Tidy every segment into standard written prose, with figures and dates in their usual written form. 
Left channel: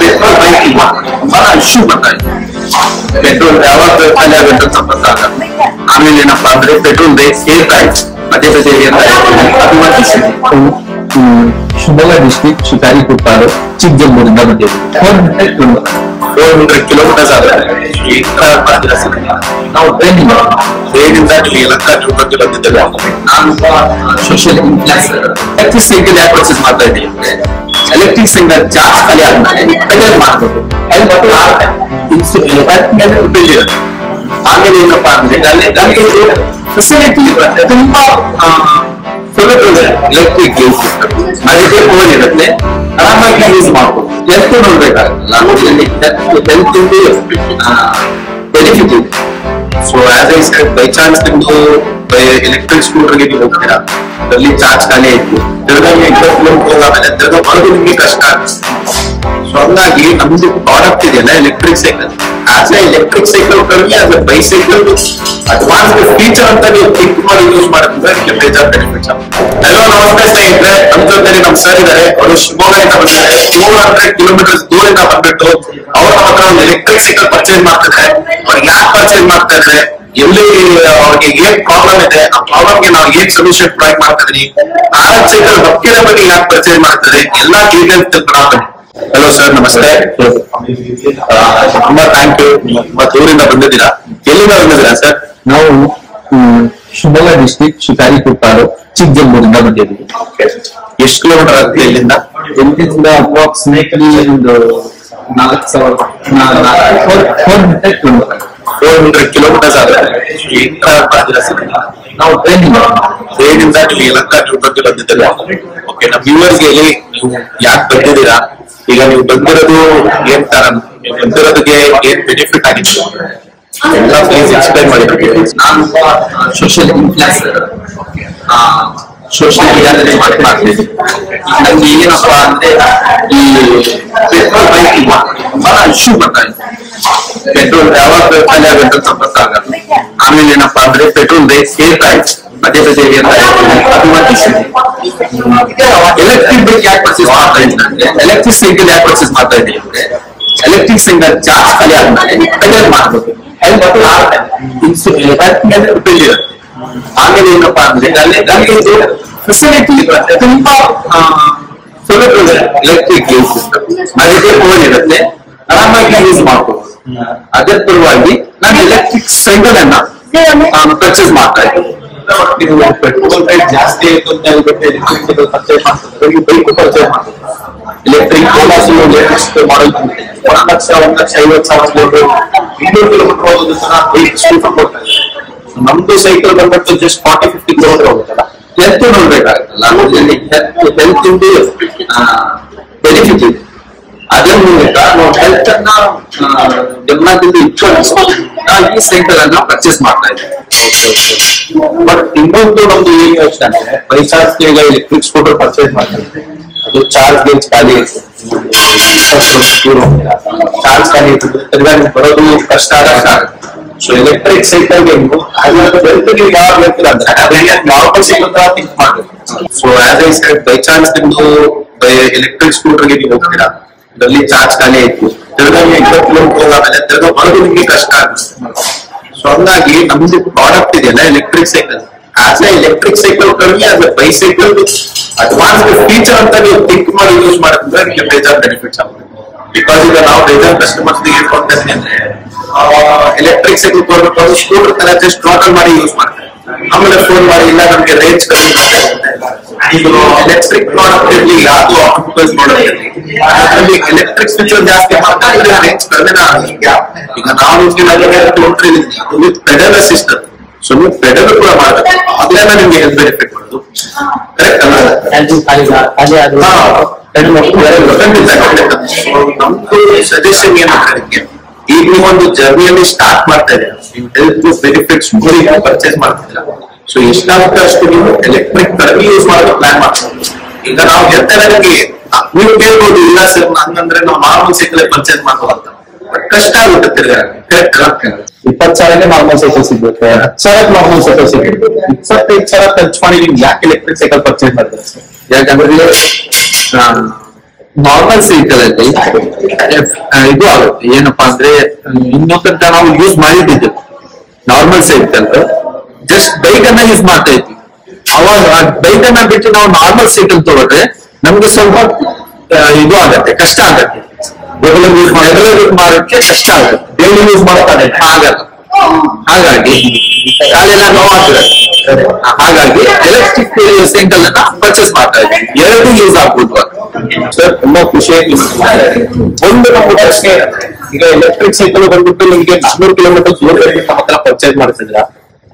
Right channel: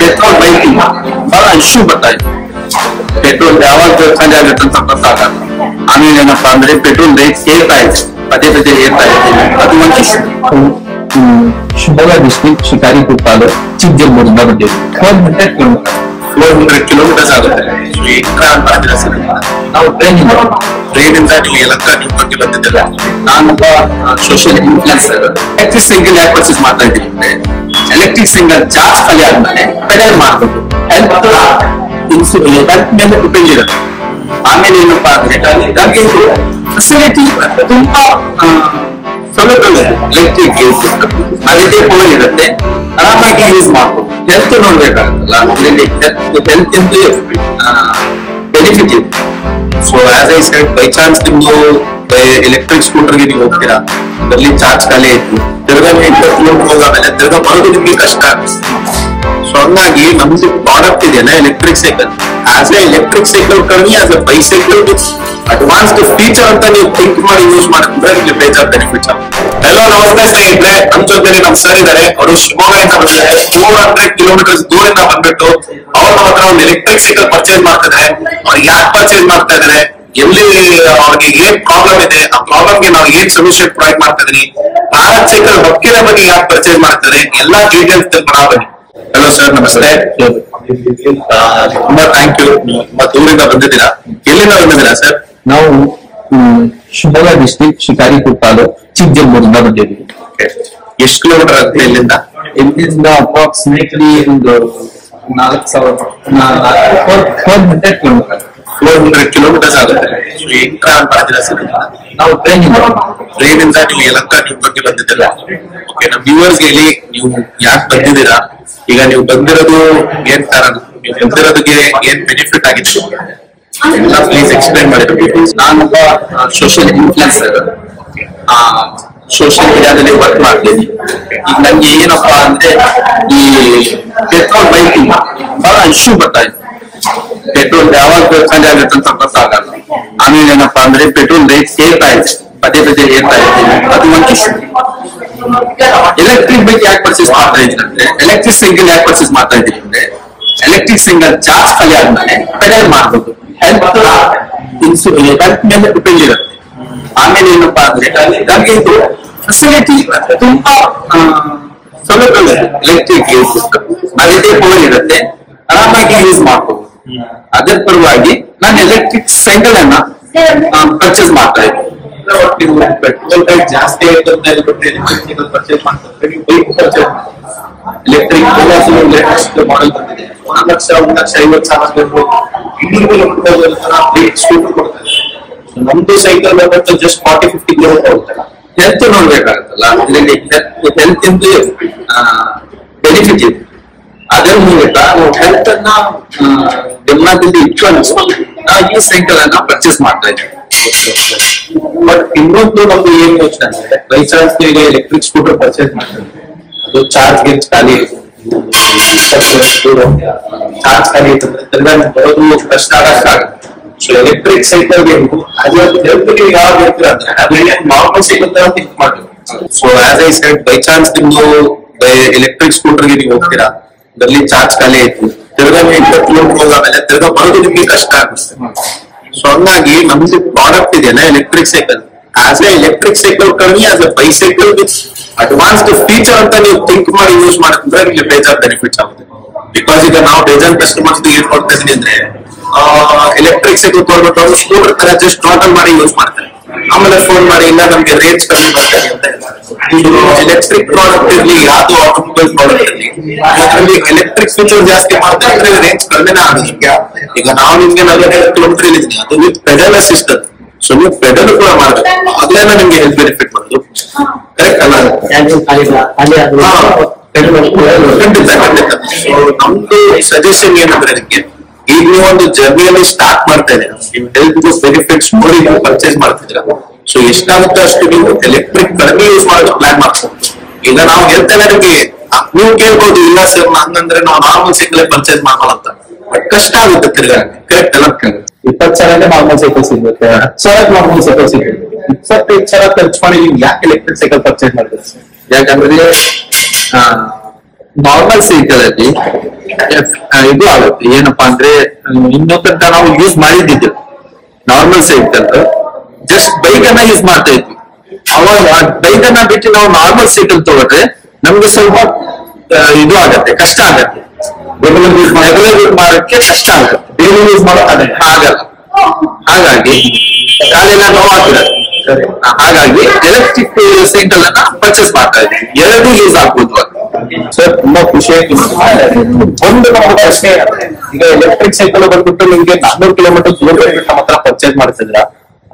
Petrol bike ಬಹಳ issue ಬರ್ತಾ ಇದೆ. ಪೆಟ್ರೋಲ್ ಯಾವಾಗ ಖಾಲಿ ಆಗುತ್ತೆ ಅಂತ ಗೊತ್ತಾಗಲ್ಲ. ಆಮೇಲೆ ಏನಪ್ಪಾ ಅಂದ್ರೆ ಪೆಟ್ರೋಲ್ ರೇಟ್ ಏರ್ತಾ ಇದೆ, ಪದೇ ಪದೇ ಏರ್ತಾ ಇದೆ. ಅದು ಒಂದು ಇಶ್ಯೂ. ಶಿವಮೊಗ್ಗ ಡಿಸ್ಟ್ರಿಕ್ಟ್ ಶಿಕಾರಿಪುರ ತಾಲೂಕು ಚಿಕ್ಕಜಂಬೂರಿಂದ ಬಂದಿದ್ದೀವಿ. 400 ಕಿಲೋಮೀಟರ್ಸ್ ಆಗುತ್ತೆ. ಮಾಡಿದ್ರೆ ಸರ್ ನಾವು ಟ್ರೈನಿಂದ ನಿಮಗೆ ಲಕ್ಕ ಟ್ರಿಪ್ ಬಂದಿದ್ದಲ್ಲ. ನಾನು ಸೋಷಿಯಲ್ ಇನ್ಫ್ಲುಯೆನ್ಸರ್. ಎಲೆಕ್ಟ್ರಿಕ್ ಸೈಕಲ್ ಯಾಕೆ ಪರ್ಚೇಸ್ ಮಾಡ್ತಾ ಇದ್ದೀನಿ ಅಂದ್ರೆ, ಎಲೆಕ್ಟ್ರಿಕ್ ಸೈಕಲ್ ಚಾರ್ಜ್ ಖಾಲಿ ಆದ್ಮೇಲೆ ಪೆಡಲ್ ಮಾಡ್ಬೋದು. ಹೆಲ್ತ್ ಮೇಲೆ ಡಿಪೆಂಡ್ ಇರುತ್ತೆ. ಆಮೇಲೆ ಏನಪ್ಪಾ ಅಂದ್ರೆ ನಮ್ಗೆ ಫೆಸಿಲಿಟಿ ತುಂಬಾ ಸೌಲಭ್ಯ. ಎಲೆಕ್ಟ್ರಿಕ್ ಮನೆದೇ ಪವರ್ ಇರುತ್ತೆ, ಆರಾಮಾಗಿ ಯೂಸ್ ಮಾಡ್ಬೋದು. ಹೆಲ್ತ್ ನೋಡ್ಬೇಕಾಗತ್ತಲ್ಲ, ಇದರಲ್ಲಿ ಹೆಲ್ತ್ ಇಂದ ಬೆನಿಫಿಟ್ ಇದೆ. So as I said, by chance ನಿಮ್ದು ಎಲೆಕ್ಟ್ರಿಕ್ ಸ್ಕೂಟರ್ಗೆ ನೀವು ಹೋಗ್ತೀರಾ, ಅದರಲ್ಲಿ ಚಾರ್ಜ್ ಖಾಲಿ ಆಯ್ತು, ತಿರ್ಗಾ 20 ಕಿಲೋಮೀಟರ್ ಹೋಗಾಮೇಲೆ ತಿರ್ಗಾ ಬರೋದು ನಿಮ್ಗೆ ಕಷ್ಟ ಆಗುತ್ತೆ. ಸೊ ಹಂಗಾಗಿ ನಮ್ದು ಪ್ರಾಡಕ್ಟ್ ಇದೆಯಲ್ಲ electric cycle, as a electric cycle ಕಡಿಮೆ, as a bicycle advanced feature ಅಂತ ನೀವು ಥಿಂಕ್ ಮಾಡಿ ಯೂಸ್ ಮಾಡಿದ್ರೆ ನಿಮಗೆ ಬೇಜಾರ್ ಬೆನಿಫಿಟ್ಸ್ ಆಗುತ್ತೆ. ಹಲೋ, ನಮಸ್ತೆ ಸ್ನೇಹಿತರೆ. ನಮ್ ಜೊತೆ ನಮ್ ಸರ್ ಇದಾರೆ. ಅವರು ಶಿವಮೊಗ್ಗದಿಂದ ಬಂದಿದ್ದಾರೆ. 400 ಕಿಲೋಮೀಟರ್ ದೂರದಿಂದ ಬಂದ್ಬಿಟ್ಟು ಅವ್ರು ನಮ್ಮ ಹತ್ರ ಒಂದು ಎಲೆಕ್ಟ್ರಿಕ್ ಸೈಕಲ್ ಪರ್ಚೇಸ್ ಮಾಡ್ತಿದ್ದಾರೆ. ಅವ್ರಿಗೆ ಯಾಕೆ ಪರ್ಚೇಸ್ ಮಾಡ್ತಾ ಇದಾರೆ, ಎಲ್ಲಿ ಅವ್ರಿಗೆ ಏನ್ ಪ್ರಾಬ್ಲಮ್ ಇದೆ, ಆ ಪ್ರಾಬ್ಲಮ್ಗೆ ನಾವು ಏನ್ ಸೊಲ್ಯೂಷನ್ ಪ್ರೊವೈಡ್ ಮಾಡ್ತಾ ಇದೀನಿ, ಭಾರತ್ ಸೈಕಲ್ ಹೊಕ್ಕಿನ ಬಗ್ಗೆ ಯಾಕೆ ಪರ್ಚೇಸ್ ಮಾಡ್ತಾರೆ, ಎಲ್ಲಾ ಡೀಟೇಲ್ಸ್ ತಿಳ್ಕೊಳ್ಳೋಣ ಬನ್ನಿ. ಹಲೋ ಸರ್, ನಮಸ್ತೆ. ತುಂಬಾ ಥ್ಯಾಂಕ್ ಯು. ತುಂಬಾ ದೂರಿಂದ ಬಂದಿದ್ದೀರಾ. ಎಲ್ಲಿಂದ ಬಂದಿದ್ದೀರಾ ಸರ್? ನಾವು ಶಿವಮೊಗ್ಗ ಡಿಸ್ಟ್ರಿಕ್ಟ್ ಶಿಕಾರಿಪುರ ತಾಲೂಕು ಚಿಕ್ಕಜಂಬೂರಿಂದ ಬಂದಿದ್ದೀವಿ. ಎಷ್ಟು ಕಿಲೋಮೀಟರ್ ಆಗುತ್ತೆ ಇಲ್ಲಿಂದ? ಇಲ್ಲಿಂದ ಅಪ್ರಾಕ್ಸಿಮೇಟ್ಲಿ ಒಂದು 400 ಕಿಲೋಮೀಟರ್. 400 ಕಿಲೋಮೀಟರ್ಸ್ ಆಗುತ್ತೆ. ಹೆಂಗ್ ಟ್ರಾವೆಲ್ ಮಾಡಿದಿರಾ ಸರ್? ನಾವು ಟ್ರೈನಿಂದ ನಿಮಗೆ ಲಕ್ಕ ಟ್ರಿಪ್ ಬಗ್ಗೆ ಬಂದಿದ್ದಲ್ಲ. ಓಕೆ, ನಮ್ಮ ವ್ಯೂವರ್ಸ್ ಹೇಳಿ, ನೀವು ಯಾಕೆ ಬಂದಿದ್ದೀರಾ, ಈಗ ನೀವು ಬಂದಿರೋದು ಏನ್ ತರ, ನೀವು ಬಂದಿರೋದಕ್ಕೆ ಏನ್ ಬೆನಿಫಿಟ್ ಆಗಿದೆ ಎಲ್ಲ ಪ್ಲೀಸ್ ಎಕ್ಸ್ಪ್ಲೈನ್ ಮಾಡಿದ್ರು. ನಾನೊಬ್ಬ ಸೋಷಿಯಲ್ ಇನ್ಫ್ಲುಯೆನ್ಸರ್. ಸೋಷಿಯಲ್ ಮೀಡಿಯಾದಲ್ಲಿ ವರ್ಕ್ ಮಾಡ್ತೀನಿ. ಈಗ ನಂಗೆ ಏನಪ್ಪಾ ಅಂದ್ರೆ, ಈ ಪೆಟ್ರೋಲ್ ಬೈಕ್ ಬಹಳ ಇಶ್ಯೂ ಬರ್ತಾ ಇದೆ. ಪೆಟ್ರೋಲ್ ಯಾವಾಗ ಖಾಲಿ ಆಗುತ್ತೆ ಅಂತ ಗೊತ್ತಾಗಲ್ಲ. ಆಮೇಲೆ ಏನಪ್ಪಾ ಅಂದ್ರೆ ಪೆಟ್ರೋಲ್ ರೇಟ್ ಏರ್ತಾ ಇದೆ, ಪದೇ ಪದೇ ಏರ್ತಾ ಇದೆ. ಅದು ಒಂದು ಇಶ್ಯೂ. ಎಲೆಕ್ಟ್ರಿಕ್ ಬೈಕ್ ಯಾಕೆ ಪರ್ಚೇಸ್ ಮಾಡ್ತಾ ಇದ್ದೀನಿ ಅಂದ್ರೆ, ಎಲೆಕ್ಟ್ರಿಕ್ ಸೈಕಲ್ ಯಾಕೆ ಪರ್ಚೇಸ್ ಮಾಡ್ತಾ ಇದ್ದೀನಿ ಅಂದ್ರೆ, ಎಲೆಕ್ಟ್ರಿಕ್ ಸೈಕಲ್ ಚಾರ್ಜ್ ಖಾಲಿ ಆದ್ಮೇಲೆ ಪೆಡಲ್ ಮಾಡ್ಬೋದು. ಹೆಲ್ತ್ ಮೇಲೆ ಡಿಪೆಂಡ್ ಇರುತ್ತೆ. ಆಮೇಲೆ ಏನಪ್ಪಾ ಅಂದ್ರೆ ನಮ್ಗೆ ಫೆಸಿಲಿಟಿ ತುಂಬಾ ಸೌಲಭ್ಯ. ಎಲೆಕ್ಟ್ರಿಕ್ ಮನೆದೇ ಪವರ್ ಇರುತ್ತೆ, ಆರಾಮಾಗಿ ಯೂಸ್ ಮಾಡ್ಕೋಬಹುದು. ಅದರ ಪರವಾಗಿ ನಾನು ಎಲೆಕ್ಟ್ರಿಕ್ ಸೈಕಲ್ ಅನ್ನ ಪರ್ಚೇಸ್ ಮಾಡ್ತಾ ಇದ್ದೀನಿ. ನೀವು ಪೆಟ್ರೋಲ್ ರೇಟ್ ಜಾಸ್ತಿ ಆಯ್ತು ಅಂತ ಹೇಳ್ಬಿಟ್ಟು ಎಲೆಕ್ಟ್ರಿಕ್ ಸೈಕಲ್ ಪರ್ಚೇಸ್ ಮಾಡ್ತಾರೆ, ನೀವು ಬೈಕ್ ಪರ್ಚೇಸ್ ಮಾಡ್ತಾರೆ. ಎಲೆಕ್ಟ್ರಿಕ್ ಎಲೆಕ್ಟ್ರಿಕ್ ಮಾಡೆಲ್ ಬಂದಿದೆ. 1,50,000 200 ಕಿಲೋಮೀಟರ್ ಹೋಗೋದು ತರ ಬೈಕ್ ಸ್ಕೂಟರ್ ಕೊಡ್ತಾರೆ. ನಮ್ದು ಸೈಕಲ್ ಬಂದ್ಬಿಟ್ಟು ಜಸ್ಟ್ 40-50 ಕಿಲೋಮೀಟರ್ ಹೋಗುತ್ತಲ್ಲ. ಹೆಲ್ತ್ ನೋಡ್ಬೇಕಾಗತ್ತಲ್ಲ, ಇದರಲ್ಲಿ ಹೆಲ್ತ್ ಇಂದ ಬೆನಿಫಿಟ್ ಇದೆ. ಅದರ ಮೂಲಕ ನಾವು ಹೆಲ್ತ್ ಅನ್ನ ಗಮನದಲ್ಲಿ ಇಟ್ಕೊಂಡು ನಾವು ಈ ಸೈಕಲ್ ಅನ್ನ ಪರ್ಚೇಸ್ ಮಾಡ್ತಾ ಇದ್ದೀವಿ. ಬಟ್ ಇನ್ನೊಂದು ನಮ್ದು ಏನ್ ಯೋಚನೆ ಅಂದ್ರೆ, ಬೈ ಚಾನ್ಸ್ ಈಗ ಎಲೆಕ್ಟ್ರಿಕ್ ಸ್ಕೂಟರ್ ಪರ್ಚೇಸ್ ಮಾಡ್ತಾರೆ, ಅದು ಚಾರ್ಜ್ ಗೇಜ್ ಖಾಲಿ ಚಾರ್ಜ್ ಖಾಲಿ ಇರ್ತದೆ, ತಿರ್ಗಾ ಬರೋದು ಕಷ್ಟ ಆಗುತ್ತೆ. ಸೊ ಎಲೆಕ್ಟ್ರಿಕ್ ಸೈಕಲ್ಗೆ ನೀವು ಯಾವಾಗ ಹೇಳ್ತೀರಾ ಅಂದ್ರೆ ನಾರ್ಮಲ್ ಸೈಕಲ್ ತರ ಥಿಂಕ್ ಮಾಡ್ಬೇಕು. So as I said, by chance ನಿಮ್ದು ಎಲೆಕ್ಟ್ರಿಕ್ ಸ್ಕೂಟರ್ಗೆ ನೀವು ಹೋಗ್ತೀರಾ, ಅದರಲ್ಲಿ ಚಾರ್ಜ್ ಖಾಲಿ ಆಯ್ತು, ತಿರ್ಗಾ 20 ಕಿಲೋಮೀಟರ್ ಹೋಗಾಮೇಲೆ ತಿರ್ಗಾ ಬರೋದು ನಿಮ್ಗೆ ಕಷ್ಟ ಆಗುತ್ತೆ. ಸೊ ಹಂಗಾಗಿ ನಮ್ದು ಪ್ರಾಡಕ್ಟ್ ಇದೆಯಲ್ಲ electric cycle, as a electric cycle ಕಡಿಮೆ, as a bicycle advanced feature ಅಂತ ನೀವು ಥಿಂಕ್ ಮಾಡಿ ಯೂಸ್ ಮಾಡಿದ್ರೆ ನಿಮಗೆ ಬೇಜಾರ್ ಬೆನಿಫಿಟ್ಸ್ ಆಗುತ್ತೆ. ಬಿಕಾಸ್ ಈಗ ನಾವು ಬೇಜಾರ್ ಕಸ್ಟಮರ್ಸ್ ಏನ್ ಕೊಡ್ತಾ ಇದೀನಿ ಅಂದ್ರೆ, ಎಲೆಕ್ಟ್ರಿಕ್ ಸೈಕಲ್ ಕೊಡ್ಬೇಕು, ಸ್ಕೂಟರ್ ತರ ಜಸ್ಟ್ ಟೋಟಲ್ ಮಾಡಿ ಯೂಸ್ ಮಾಡ್ತಾರೆ. ಆಮೇಲೆ ಫೋನ್ ಮಾಡಿ, ಇಲ್ಲ ನಮ್ಗೆ ರೇಂಜ್ ಕಮ್ಮಿ ಮಾಡ್ತಾರೆ ಅಂತ. ಎಲೆಕ್ಟ್ರಿಕ್ ಪ್ರಾಡಕ್ಟ್ ಇರಲಿ, ಯಾವ್ದು ಆಟೋಮೊಬೈಲ್ ಪ್ರಾಡಕ್ಟ್ ಇರಲಿ, ಅದರಲ್ಲಿ ಎಲೆಕ್ಟ್ರಿಕ್ ಫೀಚರ್ ಜಾಸ್ತಿ ಮಾಡ್ತಾ ಇದ್ರೆ ರೇಂಜ್ ಕಡಿಮೆನ ಆಗುತ್ತೆ. ಈಗ ನಾವು ನಿಮ್ಗೆ 40 ಕಿಲೋಮೀಟರ್ ಇಲ್ಲಿದ್ದೀನಿ, ಅದು ವಿತ್ ಪೆಡಲ್ ಅಸಿಸ್ಟೆಂಟ್. ಸೊ ನೀವು ಪೆಡಲ್ ಕೂಡ ಮಾಡ್ಬೇಕು, ಅದ್ರಿಂದ ನಿಮ್ಗೆ ಹೆಲ್ತ್ ಬೆನಿಫಿಟ್ ಮಾಡೋದು ಕರೆಕ್ಟ್ ಅಲ್ಲ? ನಮ್ದು ಸಜೆಷನ್ ಏನಂದ್ರೆ, ನಿಮ್ಗೆ ಈಗ ನೀವು ಒಂದು ಜರ್ನಿಯಲ್ಲಿ ಸ್ಟಾರ್ಟ್ ಮಾಡ್ತಾ ಇದ್ದೀರಾ, ನೀವು ಹೆಲ್ತ್ ಬೆನಿಫಿಟ್ಸ್ ನೋಡಿ ನೀವು ಪರ್ಚೇಸ್ ಮಾಡ್ತಿದ್ದೀರಾ. ಸೊ ಎಷ್ಟಾಗುತ್ತೆ ಅಷ್ಟು ನೀವು ಎಲೆಕ್ಟ್ರಿಕ್ ಕಡಿಮೆ ಯೂಸ್ ಮಾಡೋದು ಪ್ಲಾನ್ ಮಾಡ್ತೀವಿ. ಈಗ ನಾವು ಹೇಳ್ತೇನೆ ನಿಮ್ಗೆ, ನೀವು ಕೇಳ್ಬೋದು, ಇಲ್ಲ ಸರ್ ಹಂಗಂದ್ರೆ ನಾವು ನಾರ್ಮಲ್ ಸೈಕಲ್ ಪರ್ಚೇಸ್ ಮಾಡ್ಬೋದಂತ. ಬಟ್ ಕಷ್ಟ ಆಗುತ್ತೆ ತಿರ್ಗಾ, ಕರೆಕ್ಟ್ ಅಲ್ಲ? 20,000 ನಾರ್ಮಲ್ ಸೈಕಲ್ ಸಿಗುತ್ತೆ, 10,000 ನಾರ್ಮಲ್ ಸೈಕಲ್ ಸಿಗುತ್ತೆ. 25,000 ಖರ್ಚು ಮಾಡಿ ನೀವು ಯಾಕೆ ಎಲೆಕ್ಟ್ರಿಕ್ ಸೈಕಲ್ ಪರ್ಚೇಸ್ ಮಾಡಿದ್ರೆ ಸರ್? ಯಾಕಂದ್ರೆ ನಾರ್ಮಲ್ ಸೈಕಲ್ ಅಲ್ಲಿ ಇದು ಆಗುತ್ತೆ. ಏನಪ್ಪಾ ಅಂದ್ರೆ ಇನ್ನೂ ತನಕ ನಾವು ಯೂಸ್ ಮಾಡಿದ್ದಿದ್ದು ನಾರ್ಮಲ್ ಸೈಕಲ್, ಜಸ್ಟ್ ಬೈಕ್ ಅನ್ನ ಯೂಸ್ ಮಾಡ್ತಾ ಇದ್ವಿ. ಅವಾಗ ಬೈಕ್ ಅನ್ನ ಬಿಟ್ಟು ನಾವು ನಾರ್ಮಲ್ ಸೈಕಲ್ ತಗೊಂಡ್ರೆ ನಮ್ಗೆ ಸ್ವಲ್ಪ ಇದು ಆಗತ್ತೆ, ಕಷ್ಟ ಆಗತ್ತೆ. ರೆಗ್ಯುಲರ್ ಯೂಸ್ ಮಾಡೋಕ್ಕೆ ಕಷ್ಟ ಆಗುತ್ತೆ, ಡೈಲಿ ಯೂಸ್ ಮಾಡೋಕ್ಕಾಗಲ್ಲ, ಆಗಲ್ಲ. ಹಾಗಾಗಿ ಕಾಲೆಲ್ಲ ನೋವಾಗ್ತದೆ. ಹಾಗಾಗಿ ಎಲೆಕ್ಟ್ರಿಕ್ ಸೈಕಲ್ ಅನ್ನ ಪರ್ಚೇಸ್ ಮಾಡ್ತಾ ಇದ್ದೀವಿ. ಎರಡು ಯೂಸ್ ಆಗ್ಬೋದು ಅಂತ. ಸರ್ ತುಂಬಾ ಖುಷಿಯಾಗಿ ಒಂದು ನಮ್ಮ ಪ್ರಶ್ನೆ ಏನಂದ್ರೆ, ಈಗ ಎಲೆಕ್ಟ್ರಿಕ್ ಸೈಕಲ್ ಬಂದ್ಬಿಟ್ಟು ನಿಮ್ಗೆ 400 ಕಿಲೋಮೀಟರ್ ದೂರ ಬಿಟ್ಟು ನಮ್ಮ ಹತ್ರ ಪರ್ಚೇಸ್ ಮಾಡ್ತಿದ್ರ,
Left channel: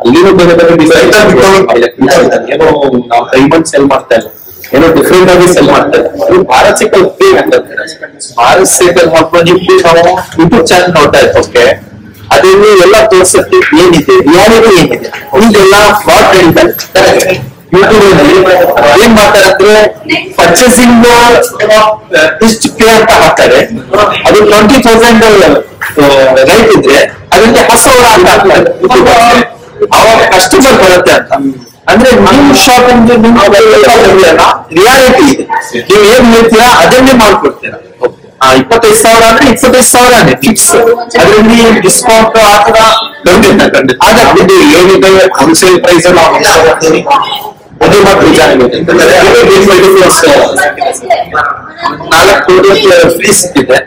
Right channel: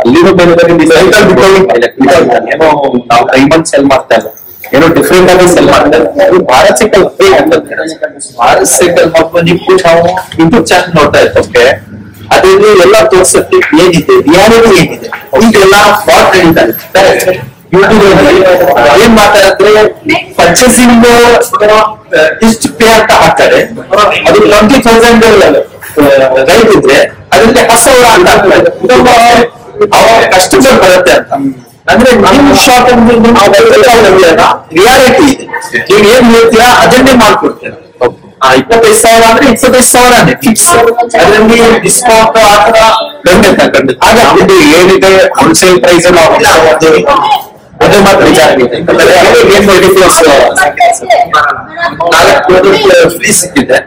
ಅಲ್ಲಿನೂ ಬೇರೆ ಬೇರೆ ಎಲೆಕ್ಟ್ರಿಕ್ ಸೈಕಲ್ ಏನೋ ನಾವು ಡೈಮಂಡ್ ಸೆಲ್ ಮಾಡ್ತಾ ಇಲ್ಲ, ಏನೋ ಡಿಫ್ರೆಂಟ್ ಆಗಿ ಸೆಲ್ ಮಾಡ್ತಾ ಇಲ್ಲ. ಅದು ಭಾರತ್ ಸೈಕಲ್ ಫ್ರೀ ಅಂತ ಭಾರತ್ ಸೈಕಲ್ ಮಾಡ್ಕೊಂಡು ನೀವು ನಾವು ಯೂಟ್ಯೂಬ್ ಚಾನಲ್ ನೋಡ್ತಾ ಇರ್ತೋಕೆ, ಅದ್ರಲ್ಲಿ ಎಲ್ಲ ತೋರ್ಸಕ್ಕೆ ಏನಿದೆ, ರಿಯಾಲಿಟಿ ಏನಿದೆ, ಈಗೆಲ್ಲ ಫ್ರಾಡ್ ನಡೀತಾರೆ. ಯೂಟ್ಯೂಬ್ ಅಲ್ಲಿ ಏನ್ ಮಾಡ್ತಾರೆ ಅಂದ್ರೆ ಪರ್ಚೇಸಿಂಗ್ ಇಷ್ಟು ಪೇ ಅಂತ ಹಾಕ್ತಾರೆ, ಅದು 20,000 ರೈಟ್ ಇದ್ರೆ ಅದಕ್ಕೆ 10,000 ಅಂತ ಹಾಕ್ತಾರೆ. ಅವಾಗ ಕಸ್ಟಮರ್ ಬರುತ್ತೆ ಅಂತ. ಅಂದ್ರೆ ನಿಮ್ ಶಾಪ್ ಅಂದ್ರೆ ರಿಯಾಲಿಟಿ ಇದೆ, ನೀವು ಏನ್ ಹೇಳ್ತೀರಾ ಅದನ್ನೇ ಮಾಡ್ಕೊಡ್ತೀರಾ. 25,000 ಅಂದ್ರೆ 25,000 ಫಿಕ್ಸ್, ಅದರಲ್ಲಿ ಡಿಸ್ಕೌಂಟ್ ಆತರ ಖಂಡಿತ ಖಂಡಿತ. ಇದು ಏನಿದೆ ಹೋಲ್ಸೇಲ್ ಪ್ರೈಸ್ ನಾವು ಅದೇ ಮಾತ್ರ ನಿಜ ಆಗಿದೆ. 4 ಫ್ರೀ ಸಿಕ್ಕಿದೆ.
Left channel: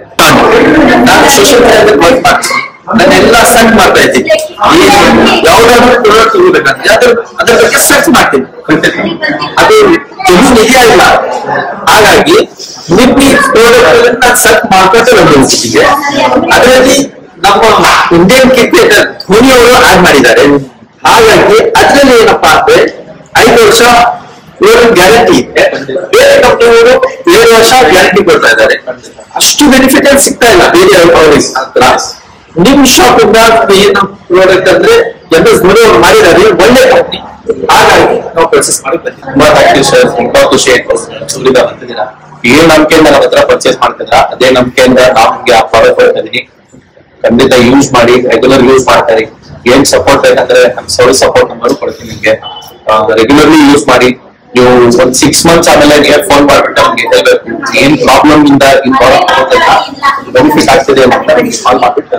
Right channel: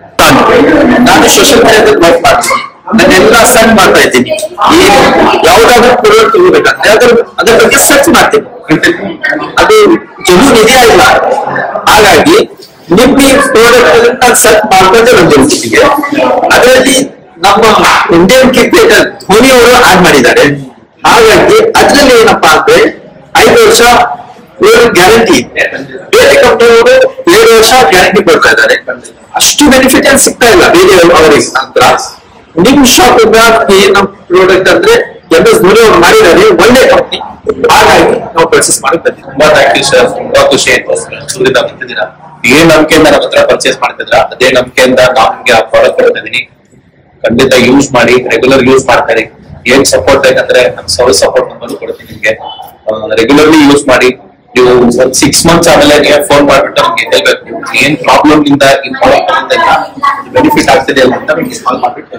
ನಾನು ಸೋಷಿಯಲ್ ಮೀಡಿಯಾದಲ್ಲಿ ವರ್ಕ್ ಮಾಡ್ತೀನಿ, ನಾನೆಲ್ಲ ಸರ್ಚ್ ಮಾಡ್ತಾ ಇದ್ದೀನಿ. ಏನು ಯಾವ್ದಾದ್ರು ಪ್ರಾಡಕ್ಟ್ ತಗೋಬೇಕಂದ್ರೆ ಅದ್ರ ಬಗ್ಗೆ ಸರ್ಚ್ ಮಾಡ್ತೀನಿ, ಅದು ಜಮೀನ್ ಇದೆಯಾ ಇಲ್ಲ. ಹಾಗಾಗಿ ನಿಮ್ಮ ಈ ಪ್ರಾಡಕ್ಟ್ ನಾನು ಸರ್ಚ್ ಮಾಡ್ಕೊಂಡೆ ಬಂದಿಗೆ, ಅದರಲ್ಲಿ ನಮ್ಮ ಇಂಡಿಯನ್ ಕ್ರಿಕೆಟರ್ ಧೋನಿ ಅವರು ಆಡ್ ಮಾಡಿದ್ದಾರೆ. ಹಾಗಾಗಿ ಅದ್ರಲ್ಲಿ ಏನಪ್ಪಾ ಅಂದ್ರೆ 5 ವರ್ಷ ಗ್ಯಾರಂಟಿ ಇದೆ, ಬೇರೆ ಕಂಪನಿಯವರು 7 ವರ್ಷ ಗ್ಯಾರಂಟಿ ಕೊಡ್ತಾ ಇದ್ದಾರೆ. ಅಷ್ಟು ಬೆನಿಫಿಟ್ ಏನ್ ಸಿಗ್ತಾ ಇಲ್ಲ ಬೇರೆ ಅವರಿಗೆ ಹತ್ರ. ನಿಮ್ ಶಾಪ್ ಇಂದ ಏನು ಪ್ರಾಡಕ್ಟ್ ಅಂದ್ರೆ MS ಧೋನಿ ಅವರು ಮಾಡಿದ್ದಾರೆ, ಒಳ್ಳೆ ಕಂಪನಿ. ಹಾಗಾಗಿ ನಾವು ಪರ್ಚೇಸ್ ಮಾಡಿ ಬಂದಿದ್ದೀವಿ. ತುಂಬಾ ಥ್ಯಾಂಕ್ ಯು ಸರ್, ತುಂಬಾ ಖುಷಿ ಆಯ್ತು ಸೂರ್ಯದ ಬರ್ತಿದ್ದೀರಾ. ಏನ್ ನಂಬಿಕೆಯಿಂದ ನಮ್ಮ ಹತ್ರ ಪರ್ಚೇಸ್ ಮಾಡ್ತಿದ್ರ, ಅದೇ ನಂಬಿಕೆಯಿಂದ ನಮ್ಗೆ ಆ ಪ್ರಾಡಕ್ಟ್ ಕೊಡ್ತಾ ಇದೀನಿ. ಖಂಡಿತ ಯೂಸ್ ಮಾಡಿ, ರೆಗ್ಯುಲರ್ ಯೂಸ್ ಮಾಡ್ತಾರೆ. ಏನ್ ಸಪೋರ್ಟ್ ಬೇಕಂದ್ರೆ ನಮ್ ಸರ್ವಿಸ್ ಸಪೋರ್ಟ್ ನಂಬರ್ ಕೊಡ್ತೀನಿ ನಿಮ್ಗೆ. ರೆಗ್ಯುಲರ್ಲಿ ಯೂಸ್ ಮಾಡಿ. ನೀವು ಒಂದ್ 6 ಮಂತ್ಸ್ ಆಮೇಲೆ ನೀವು ಫೋನ್ ಮಾಡ್ಬಿಟ್ಟು ನಮ್ಗೆ ಹೇಳ್ಬೇಕು ಏನ್ ಪ್ರಾಬ್ಲಮ್ ಇಂದ ಈ ಪ್ರಾಡಕ್ಟ್ ಬೆನಿಫಿಟ್ ಆಗ್ತಿದೆ ಅಂತ ಕಾಲ್ ಮಾಡ್ಬಿಟ್ಟು